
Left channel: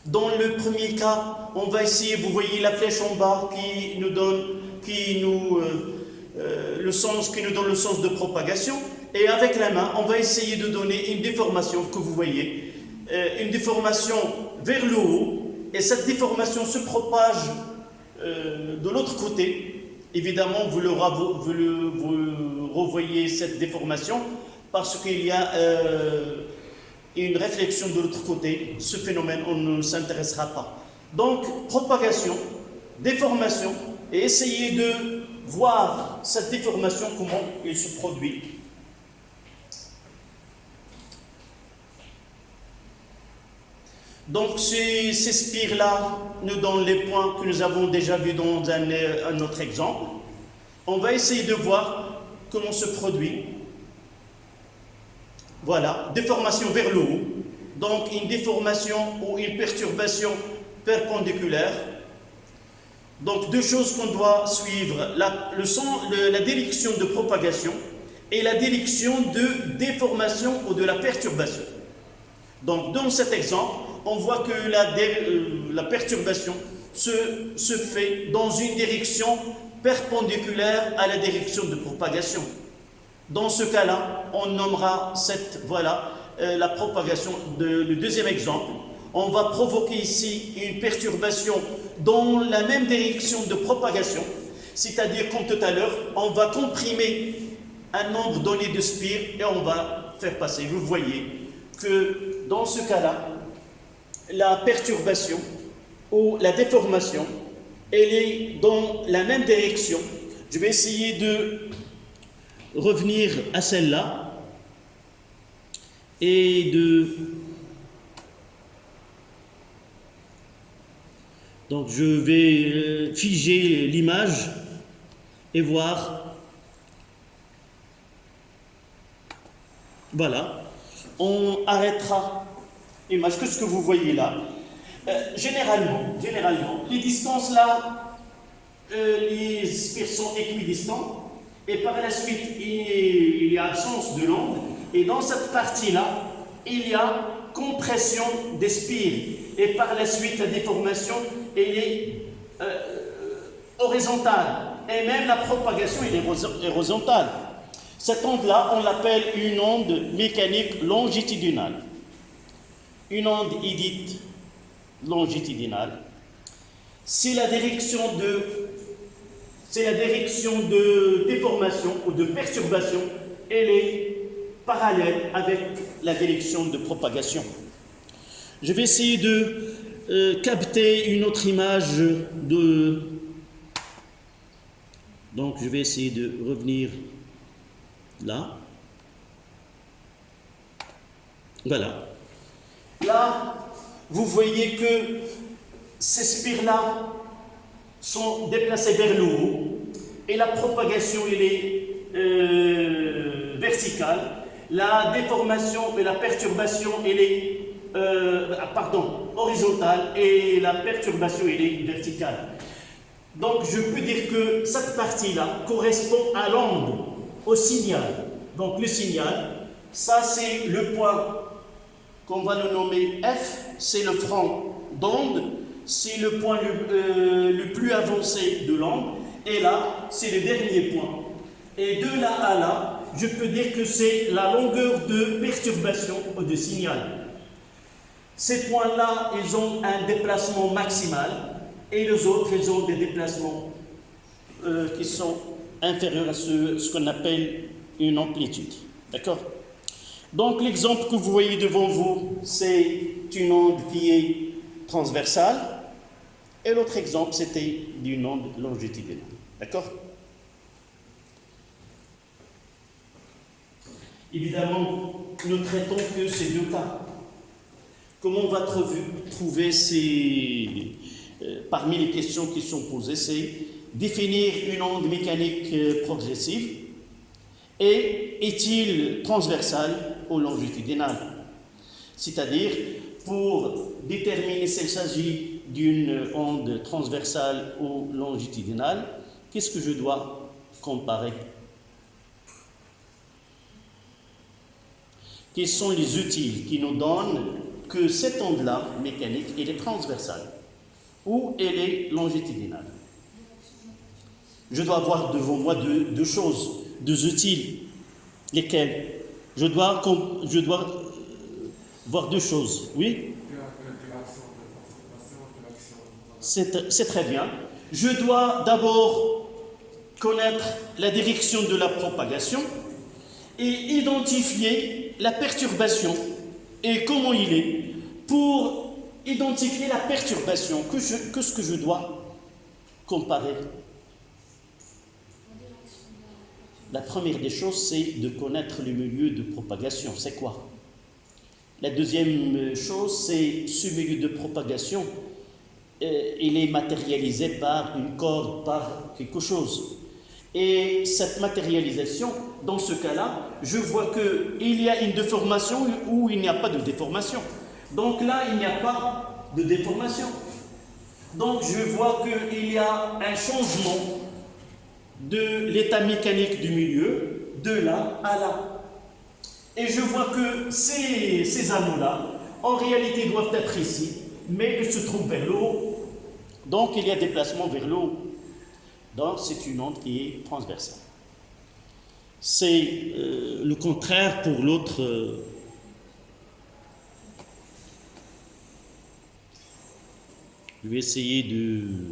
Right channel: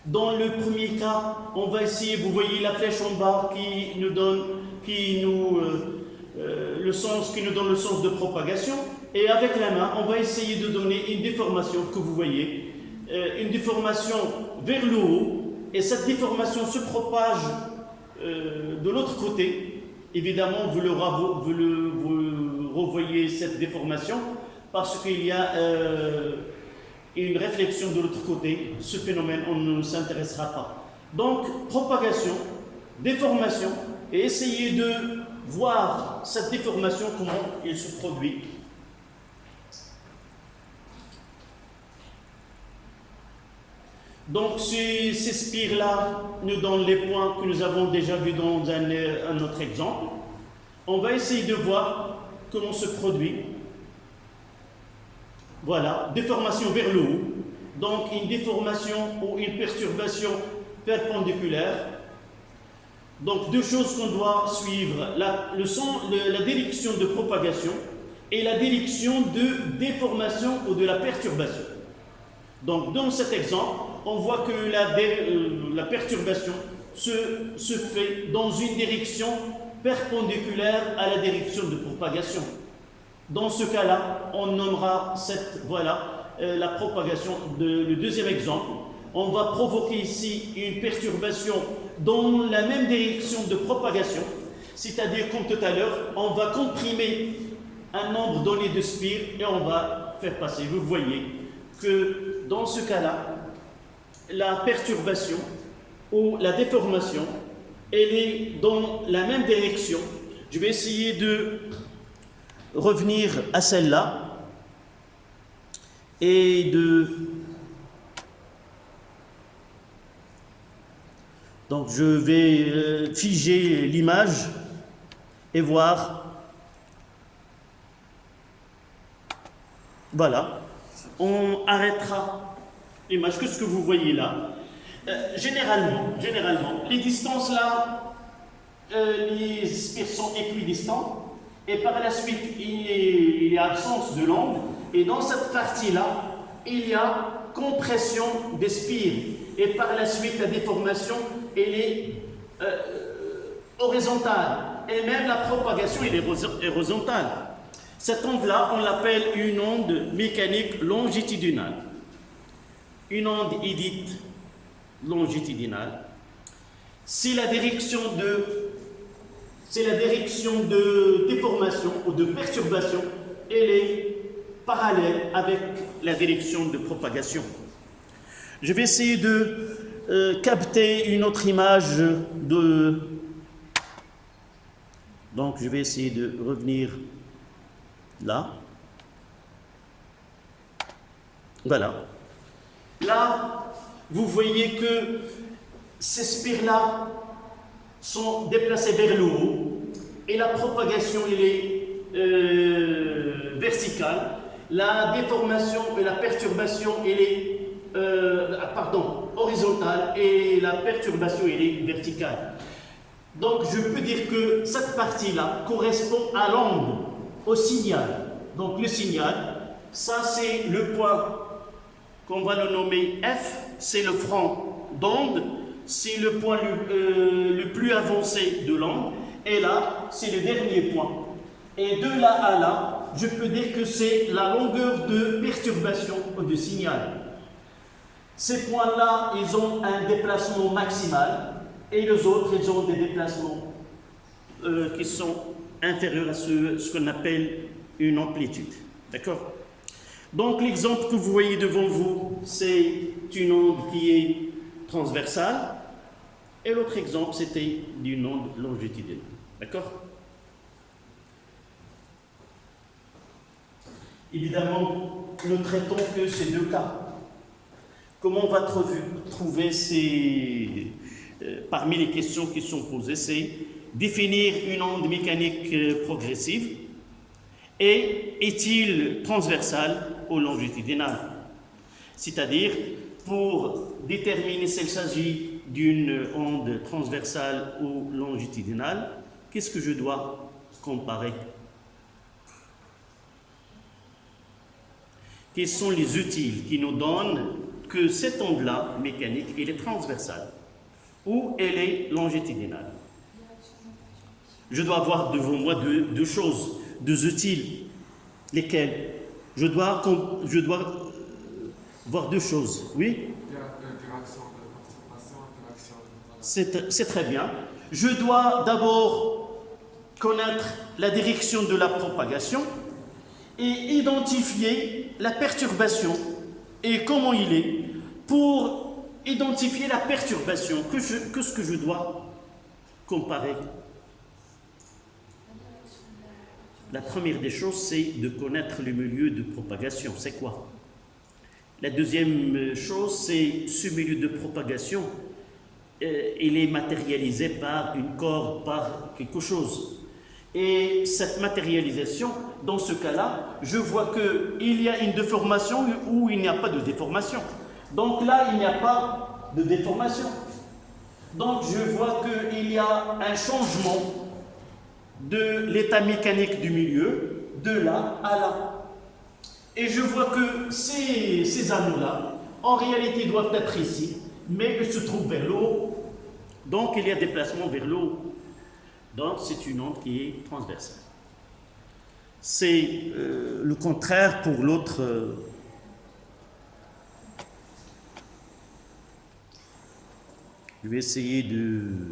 Dans le premier cas, on va essayer, vous voyez la flèche en bas qui nous donne le sens de propagation, et avec la main, on va essayer de donner une déformation que vous voyez, une déformation vers le haut, et cette déformation se propage de l'autre côté. Évidemment, vous revoyez cette déformation parce qu'il y a une réflexion de l'autre côté. Ce phénomène, on ne s'intéressera pas. Donc, propagation, déformation, et essayez de voir cette déformation, comment elle se produit. Donc, ces spires-là nous donnent les points que nous avons déjà vus dans un autre exemple. On va essayer de voir comment se produit. Voilà, déformation vers le haut. Donc, une déformation ou une perturbation perpendiculaire. Donc, deux choses qu'on doit suivre, la direction de propagation et la direction de déformation ou de la perturbation. Donc, dans cet exemple, on voit que la perturbation se fait dans une direction perpendiculaire à la direction de propagation. Dans ce cas-là, on nommera la propagation. Le deuxième exemple, on va provoquer ici une perturbation dans la même direction de propagation, c'est-à-dire comme tout à l'heure, on va comprimer un nombre donné de spires et on va faire passer. Vous voyez que dans ce cas-là, la perturbation ou la déformation, elle est dans la même direction. Je vais essayer de revenir à celle-là et donc je vais figer l'image et voir. Voilà, on arrêtera l'image. Qu'est-ce que vous voyez là? Généralement, les distances là, les spires sont équidistants. Et par la suite, il y a absence de l'onde. Et dans cette partie-là, il y a compression des spires. Et par la suite, la déformation, elle est horizontale. Et même la propagation, elle est horizontale. Cette onde-là, on l'appelle une onde mécanique longitudinale. Une onde est dite longitudinale. C'est la direction de déformation ou de perturbation, elle est parallèle avec la direction de propagation. Je vais essayer de capter une autre image donc je vais essayer de revenir là. Voilà. Là, vous voyez que ces spires-là sont déplacés vers le haut et la propagation elle est verticale. La déformation et la perturbation elle est horizontale et la perturbation elle est verticale. Donc je peux dire que cette partie-là correspond à l'onde, au signal. Donc le signal, ça c'est le point qu'on va le nommer F, c'est le front d'onde. C'est le point le plus avancé de l'onde, et là, c'est le dernier point. Et de là à là, je peux dire que c'est la longueur de perturbation ou de signal. Ces points-là, ils ont un déplacement maximal, et les autres, ils ont des déplacements qui sont inférieurs à ce qu'on appelle une amplitude. D'accord? Donc, l'exemple que vous voyez devant vous, c'est une onde qui est transversale, et l'autre exemple, c'était d'une onde longitudinale. D'accord? Évidemment, nous traitons que ces deux cas. Comment on va trouver parmi les questions qui sont posées, c'est définir une onde mécanique progressive et est-il transversal ou longitudinal? C'est-à-dire, pour déterminer s'il s'agit d'une onde transversale ou longitudinale, qu'est-ce que je dois comparer? quels sont les utiles qui nous donnent que cette onde-là, mécanique, elle est transversale ou elle est longitudinale. Je dois avoir devant moi deux choses, deux utiles. Lesquels? Je dois voir deux choses, oui? C'est très bien. Je dois d'abord connaître la direction de la propagation et identifier la perturbation et comment il est. Pour identifier la perturbation, qu'est-ce que je dois comparer? La première des choses, c'est de connaître le milieu de propagation. C'est quoi? La deuxième chose, c'est ce milieu de propagation, il est matérialisé par une corde, par quelque chose. Et cette matérialisation, dans ce cas-là, je vois qu'il y a une déformation ou il n'y a pas de déformation. Donc là, il n'y a pas de déformation. Donc je vois qu'il y a un changement de l'état mécanique du milieu, de là à là. Et je vois que ces anneaux-là, en réalité, doivent être ici, mais ils se trouvent vers le haut. Donc il y a déplacement vers le haut. Donc c'est une onde qui est transversale. C'est le contraire pour l'autre. Je vais essayer de